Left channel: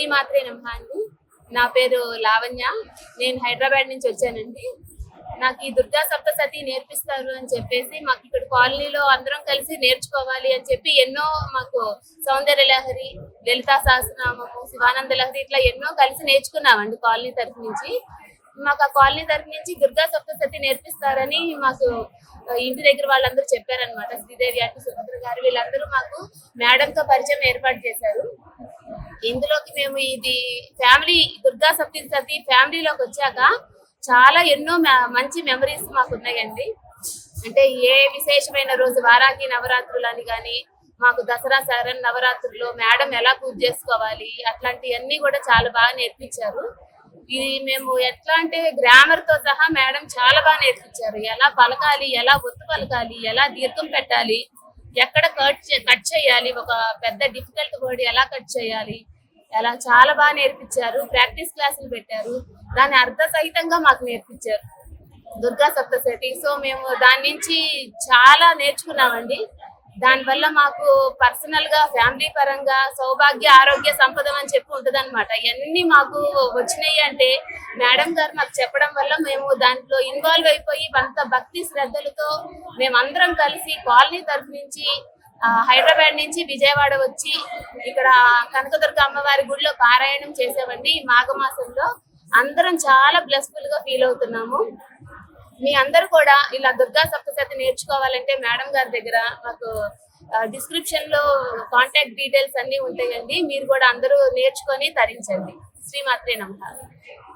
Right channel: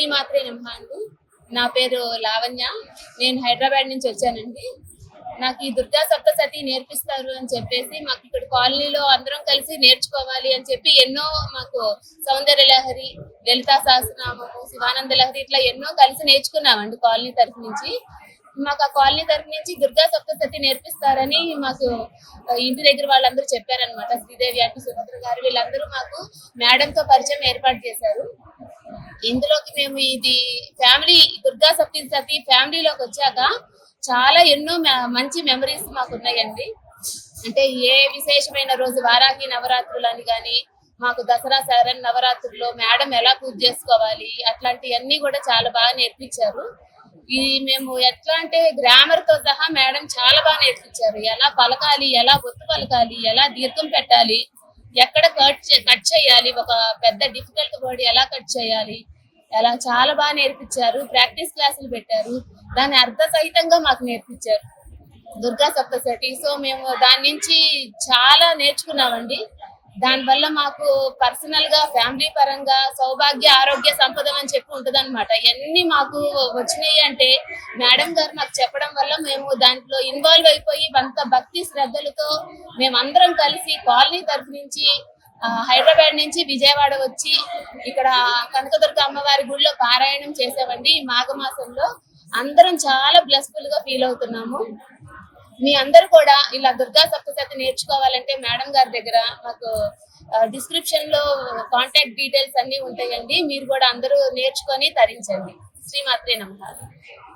శ్రీమాత్రే నమః అండి. నా పేరు లావణ్య. నేను హైదరాబాద్ నుంచి వచ్చానండి. నాకు ఈ దుర్గా సప్తసతి నేర్పిస్తారు అని చెప్పేసి మాకు ఇక్కడ కాలనీలో అందరం కలిసి నేర్చుకోవాలి అని చెప్పి ఎన్నో మాకు సౌందర్య లహరి, లలితా సహస్రనామము, శివానంద లహరి ఇట్లా ఎన్నో కలిసి నేర్చుకున్నామండి కాలనీ తరఫు నుంచి. మాకు ఆ కాలనీ తరఫు నుంచి దుర్గా సప్తసతి నేర్పిస్తారని మాకు ఇంటి దగ్గర వాళ్ళందరూ చెప్పారనమాట. శ్రీదేవి అటు సుభద్ర గారు వీళ్ళందరూ మాకు మేడంతో పరిచయం ఏర్పాటు చేశారు. ఇందులోకి మేము ఇది ఫ్యామిలీ దుర్గా సప్తశతి ఫ్యామిలీలోకి వచ్చాక చాలా ఎన్నో మంచి మెమరీస్ మాకు ఉన్నాయండి. అంటే ఏ విశేషమైన రోజు వారాహి నవరాత్రులు అని కానీ, మాకు దసరా శరణ్ నవరాత్రుల్లో మేడం ఎలా పూజ చేసుకోవాలి అట్లాంటివన్నీ కూడా చాలా బాగా నేర్పించారు. ఇది మేము ఎట్లా అంటే గ్రామర్ తో సహా మేడం చాలా బాగా నేర్పించారు. ఎలా పలకాలి, ఎలా ఒత్తు పలకాలి, ఎలా దీర్ఘం పెట్టాలి, ఎక్కడ కట్ చేయాలి, ఒక పెద్ద డిఫికల్ట్ వర్డ్ ఎలా కట్ చేయాలి, ఎలా చాలా బాగా నేర్పించారు. ప్రాక్టీస్ క్లాసులు పెట్టారు, దాని అర్థ సహితంగా మాకు నేర్పించారు దుర్గా సప్తశతి. సో మేము దాని నుంచి చాలా నేర్చుకున్నామండి. దానివల్ల మాకు పర్సనల్ గా ఫ్యామిలీ పరంగా సౌభాగ్య ఆరోగ్య సంపద అని చెప్పి ఉంటది అనమాట. ఇవన్నీ మాకు వచ్చినాయి అంటే మేడం గారు మాకు చెప్పడం వల్ల మేము దాంట్లో ఇన్వాల్వ్ అయిపోయి అంత భక్తి శ్రద్ధలతో మేమందరం కలిసి కాలనీ తరఫు నుంచి హైదరాబాద్ నుంచి విజయవాడ వచ్చి ఇక్కడ కనకదుర్గ అమ్మవారి గుడిలో పారాయణం చేసామండి. ఈ మాఘమాసంలో అందరం చాలా బ్లెస్ఫుల్ గా ఫీల్ అవుతున్నాము. మీ అందరు కూడా ఇలా దుర్గా సప్తశతి నేర్చుకోవాలంటే మేడం గారి దగ్గర మాకు డిస్క్రిప్షన్ లో కాంటాక్ట్ డీటెయిల్స్ అన్ని ఉంటాయండి. మీరు కూడా అందరూ నేర్చుకొని తరించండి. శ్రీమాత్రే నమః.